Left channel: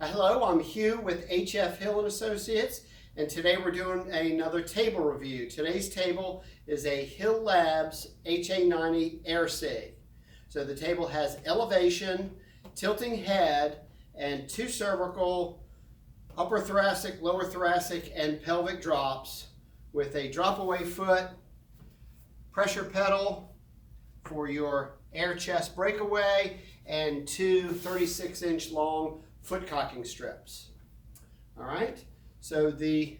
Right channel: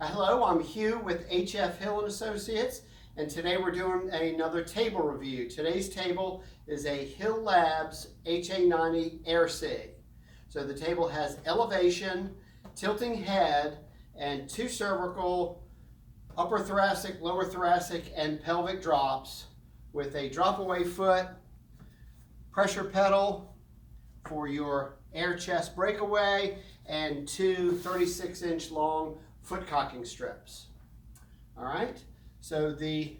Hello, I'm Hugh with HFHill and Associates, and today we're doing another table review. Today's table is a Hill Labs HA90 Air Sig. So the table has elevation, tilting head, and 2 cervical, upper thoracic, lower thoracic, and pelvic drops with a drop away foot, pressure pedal for your air chest breakaway, and 2 36-inch long foot cocking strips. All right, so the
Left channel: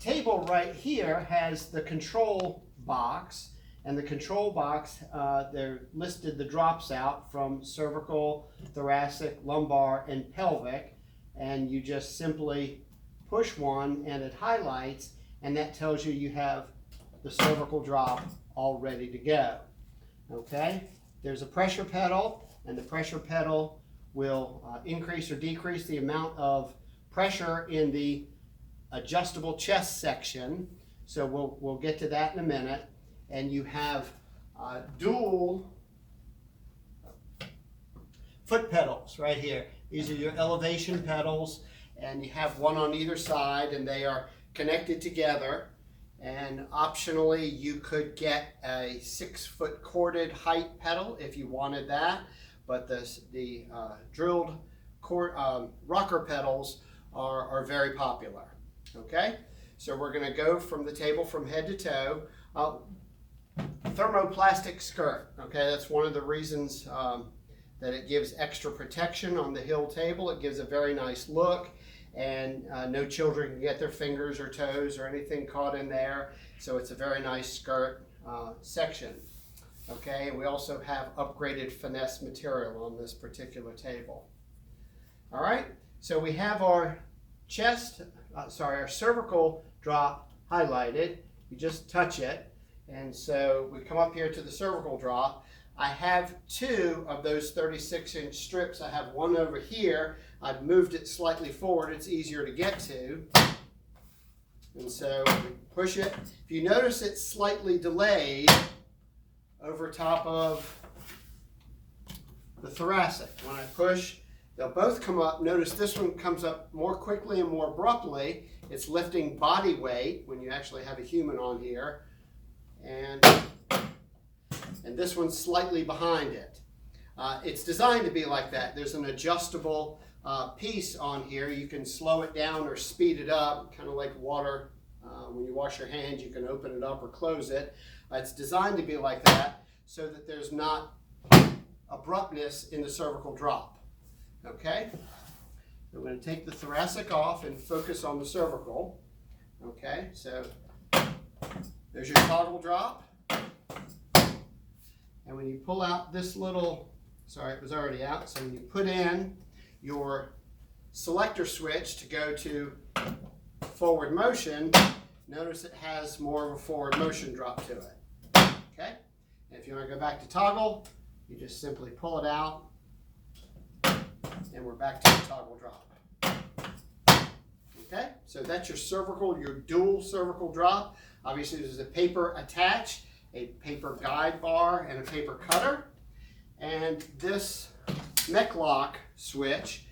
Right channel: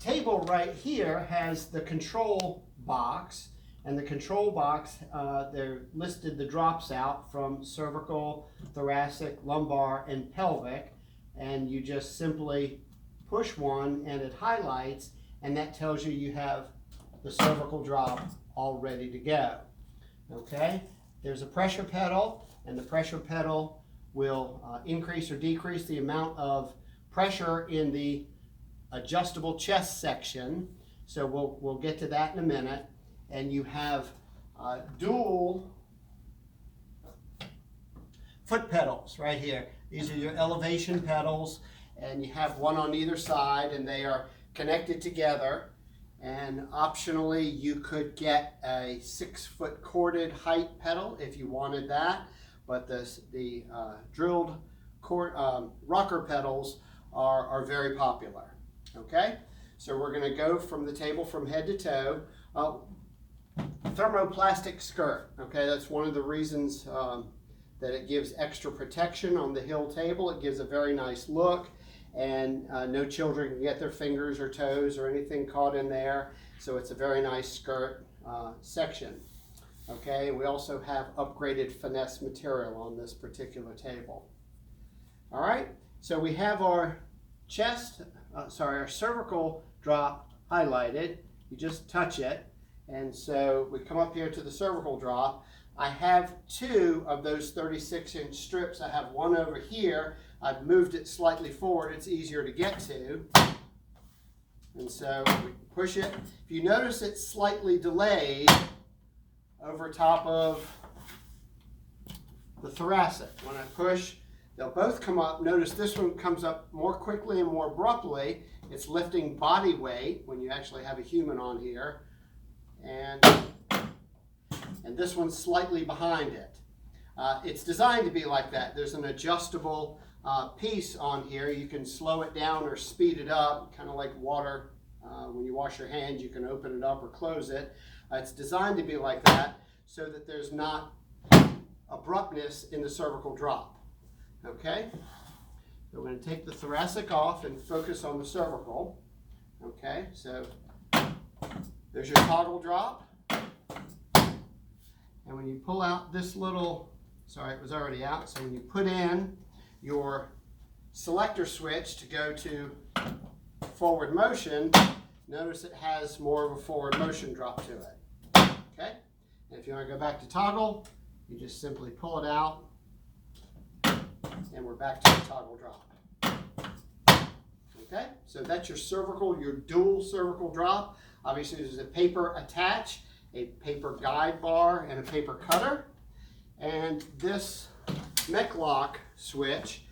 table right here has the control box, and the control box, they're listed the drops out from cervical, thoracic, lumbar, and pelvic, and you just simply push one and it highlights, and that tells you you have the cervical drop all ready to go. Okay, there's a pressure pedal, and the pressure pedal will increase or decrease the amount of pressure in the adjustable chest section. So we'll get to that in a minute. And you have dual foot pedals right here. These are your elevation pedals, and you have one on either side, and they are connected together. And optionally, you could get a 6-foot corded height pedal if you wanted that. But the drilled rocker pedals are very popular. Okay, so we're going to go from the table from head to toe. Thermoplastic skirt. Okay, that's one of the reasons that it gives extra protection on the Hill table. It gives a very nice look, and no children can get their fingers or toes or anything caught in there. So it's a very nice skirt section. Okay, we also have upgraded finesse material on this particular table. All right, so we have our our cervical drop highlighted. You just touch it, and so we come up here to the cervical drop. I have 2 of those 36-inch strips. I have one over here. I've moved it slightly forward. It's easier to get to. And so we push it. If you notice, it's slightly delayed over top of the thoracic. When I push, they'll both come up. Notice this one comes up more quickly and more abruptly. It's lifting body weight when you actually have a human on here. And this one's slightly behind it. It's designed to be like that. There's an adjustable piece on here. You can slow it down or speed it up, kind of like water. When you wash your hands, you can open it up or close it. It's designed to be like that so that there's not abruptness in the cervical drop. Okay? So we're going to take the thoracic off and focus on the cervical. Okay, so there's your toggle drop. And when you pull out this little, sorry, it was already out. So when you put in your selector switch to go to forward motion, notice it has more of a forward motion drop to it. Okay? And if you want to go back to toggle, you just simply pull it out, and we're back to the toggle drop. Okay? So that's your cervical, your dual cervical drop. Obviously, there's a paper attach, a paper guide bar, and a paper cutter. And this Mech lock switch,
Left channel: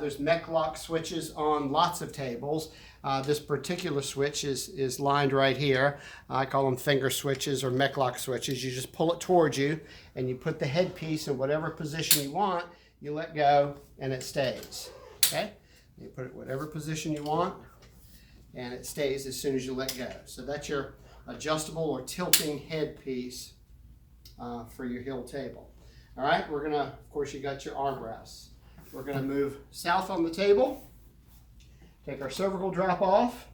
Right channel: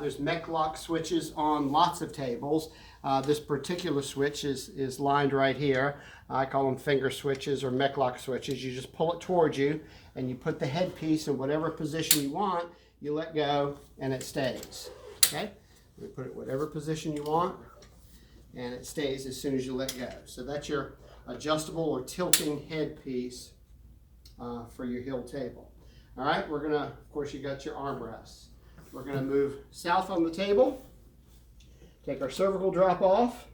there's Mech lock switches on lots of tables. This particular switch is lined right here. I call them finger switches or Mech lock switches. You just pull it towards you, and you put the headpiece in whatever position you want. You let go, and it stays. Okay? You put it whatever position you want, and it stays as soon as you let go. So that's your adjustable or tilting headpiece for your Hill table. All right, we're gonna, of course, you got your armrests. We're gonna move south on the table, take our cervical drop off,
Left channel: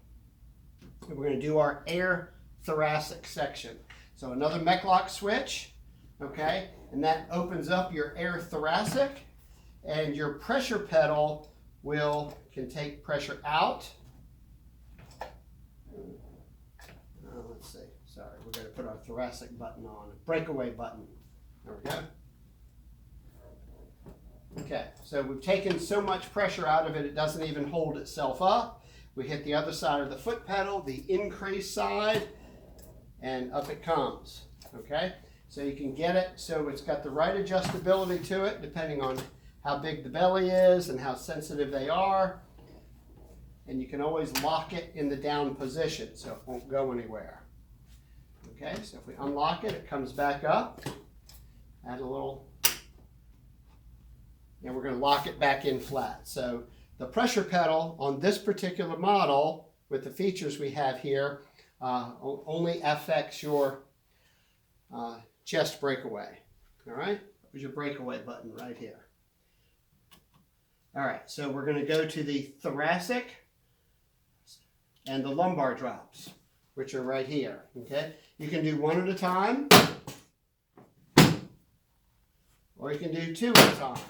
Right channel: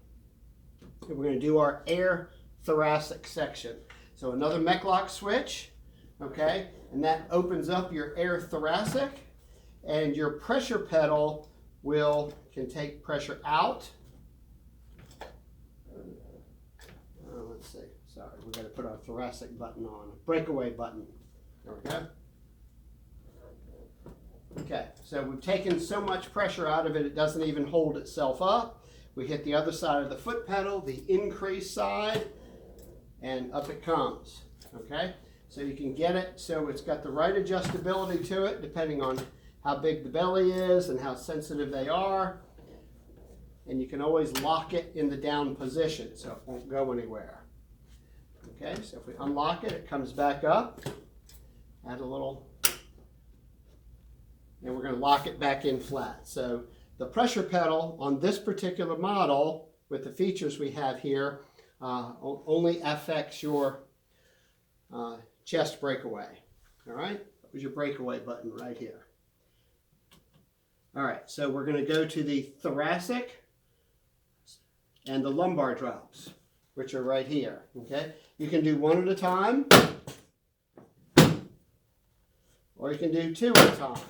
and we're gonna do our air thoracic section. So another Mech lock switch, okay, and that opens up your air thoracic, and your pressure pedal can take pressure out. Let's see, sorry, we're going to put our thoracic button on, breakaway button. There we go. Okay, so we've taken so much pressure out of it, it doesn't even hold itself up. We hit the other side of the foot pedal, the increase side, and up it comes. Okay, so you can get it so it's got the right adjustability to it, depending on how big the belly is and how sensitive they are. And you can always lock it in the down position so it won't go anywhere. Okay, so if we unlock it, it comes back up. Add a little, and we're going to lock it back in flat. So the pressure pedal on this particular model, with the features we have here, only affects your chest breakaway. All right, there's your breakaway button right here. All right, so we're going to go to the thoracic and the lumbar drops, which are right here. Okay, you can do one at a time, or you can do two at a time.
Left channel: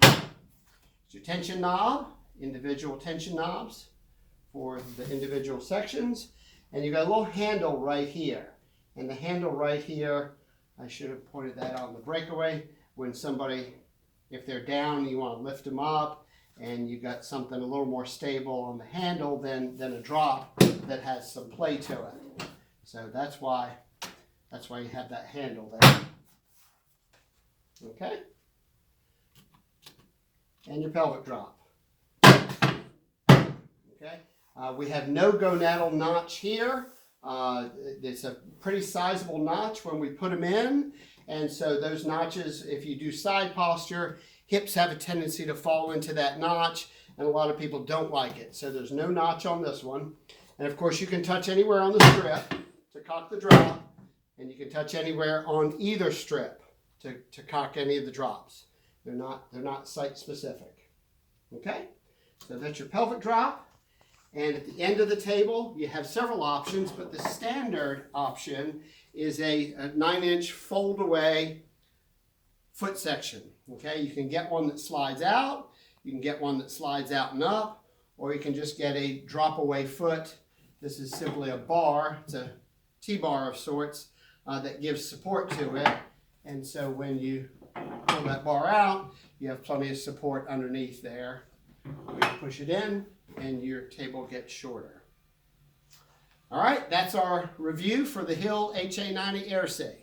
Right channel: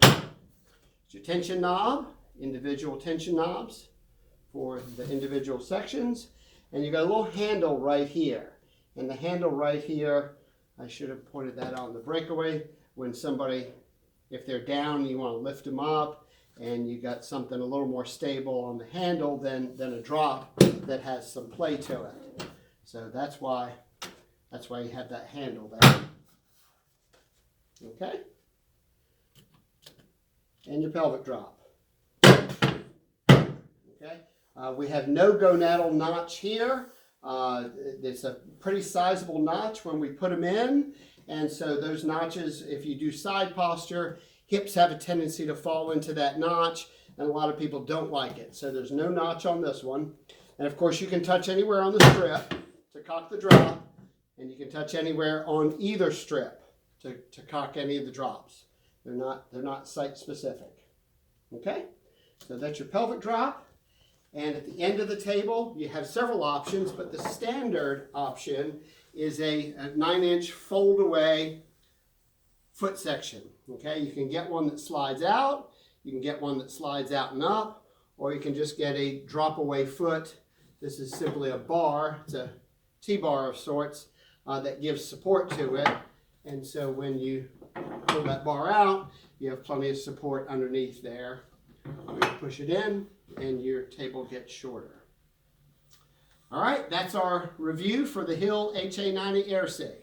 It's your tension knob, individual tension knobs for the individual sections, and you got a little handle right here. And the handle right here, I should have pointed that on the breakaway. When somebody, if they're down, you want to lift them up, and you got something a little more stable on the handle than a drop that has some play to it. So that's why you have that handle there. Okay? And your pelvic drop. Okay? We have no gonadal notch here. It's a pretty sizable notch when we put them in. And so those notches, if you do side posture, hips have a tendency to fall into that notch, and a lot of people don't like it. So there's no notch on this one. And of course you can touch anywhere on the strip to cock the drop, and you can touch anywhere on either strip to cock any of the drops. They're not site specific. Okay? So that's your pelvic drop. And at the end of the table, you have several options, but the standard option is a 9-inch fold-away foot section. Okay, you can get one that slides out, you can get one that slides out and up, or you can just get a drop-away foot. This is simply a bar, it's a T-bar of sorts that gives support to it. And so when you pull that bar out, you have plenty of support underneath there. You push it in, and your table gets shorter. All right, that's our review for the HFHill HA90 AirSay.